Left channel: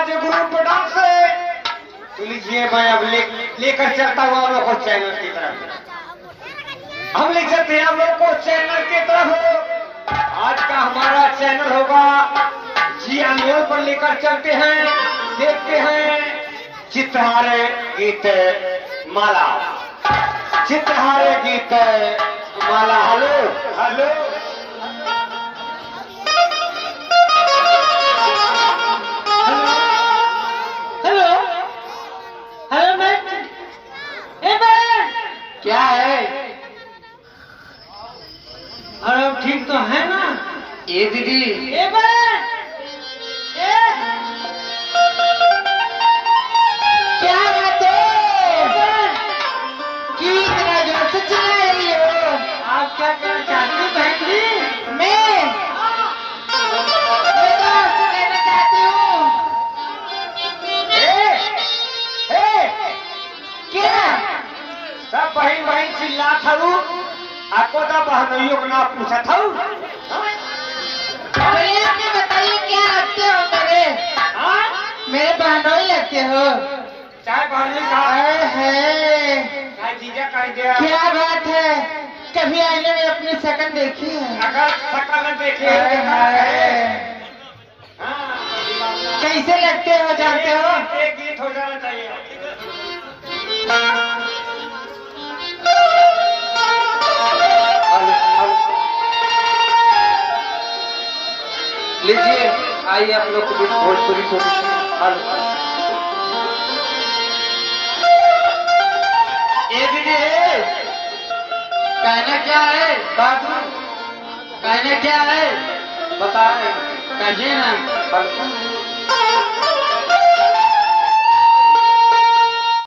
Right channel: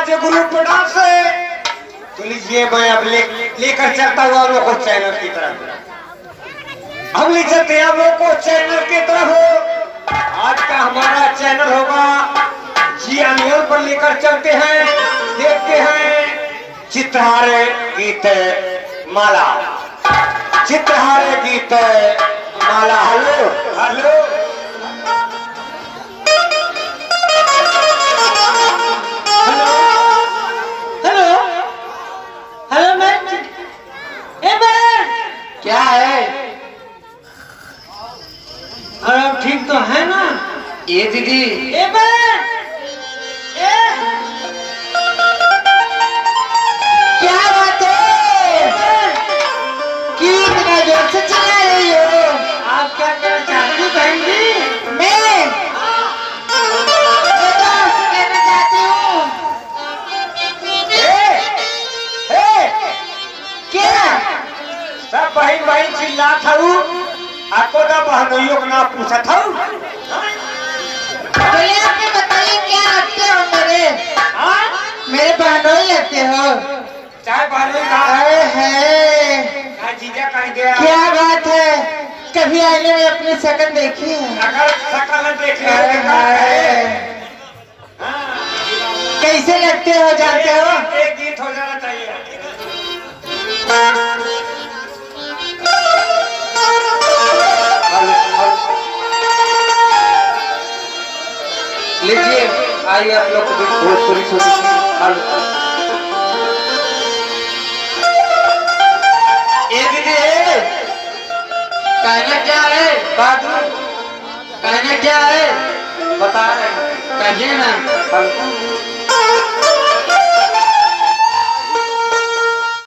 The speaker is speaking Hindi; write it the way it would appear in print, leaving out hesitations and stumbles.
आज ग्रुप डांस है। तो लीजिए मैं अब लेकर चलता हूँ आप लोग को चैनल की तरफ। हम ले चलते हैं आप लोग को चैनल की तरफ। आज का हमारा चैनल होगा जी अनिल पर लेकर चलते हैं। देखते हैं चित्रहारे गीत माला। चित्रहारे गीत माला। हेलो हेलो क्या है? और अब ठीक तो है ना? ये दीदी क्या बात है? क्यों इतना जोर से चिल्ला रही हो? आप क्या कहना चाहती हो बहन जी? मैं तो आपसे कहना चाहती हूँ। क्या? सब भाई भाई चिल्ला था आपको तो बहनोइयों का पूछा था। भैया आपने बताइए क्या लगते हो मेरे बहनोई लगते हो? चाय पानी का अरे है जीजा कह गया। क्या बात है? कभी आईने में अपनी शक्ल देखी है? अगर शकल देखे अरे है। कैसे लगते हो जानते हो? एक गीत हो जाना चाहिए। लीजिए, आइए आप लोग को भोजपुरी छोटी सी ये दीदी कहना क्या है? बात कहना क्या है? बता रहे कहिए ना।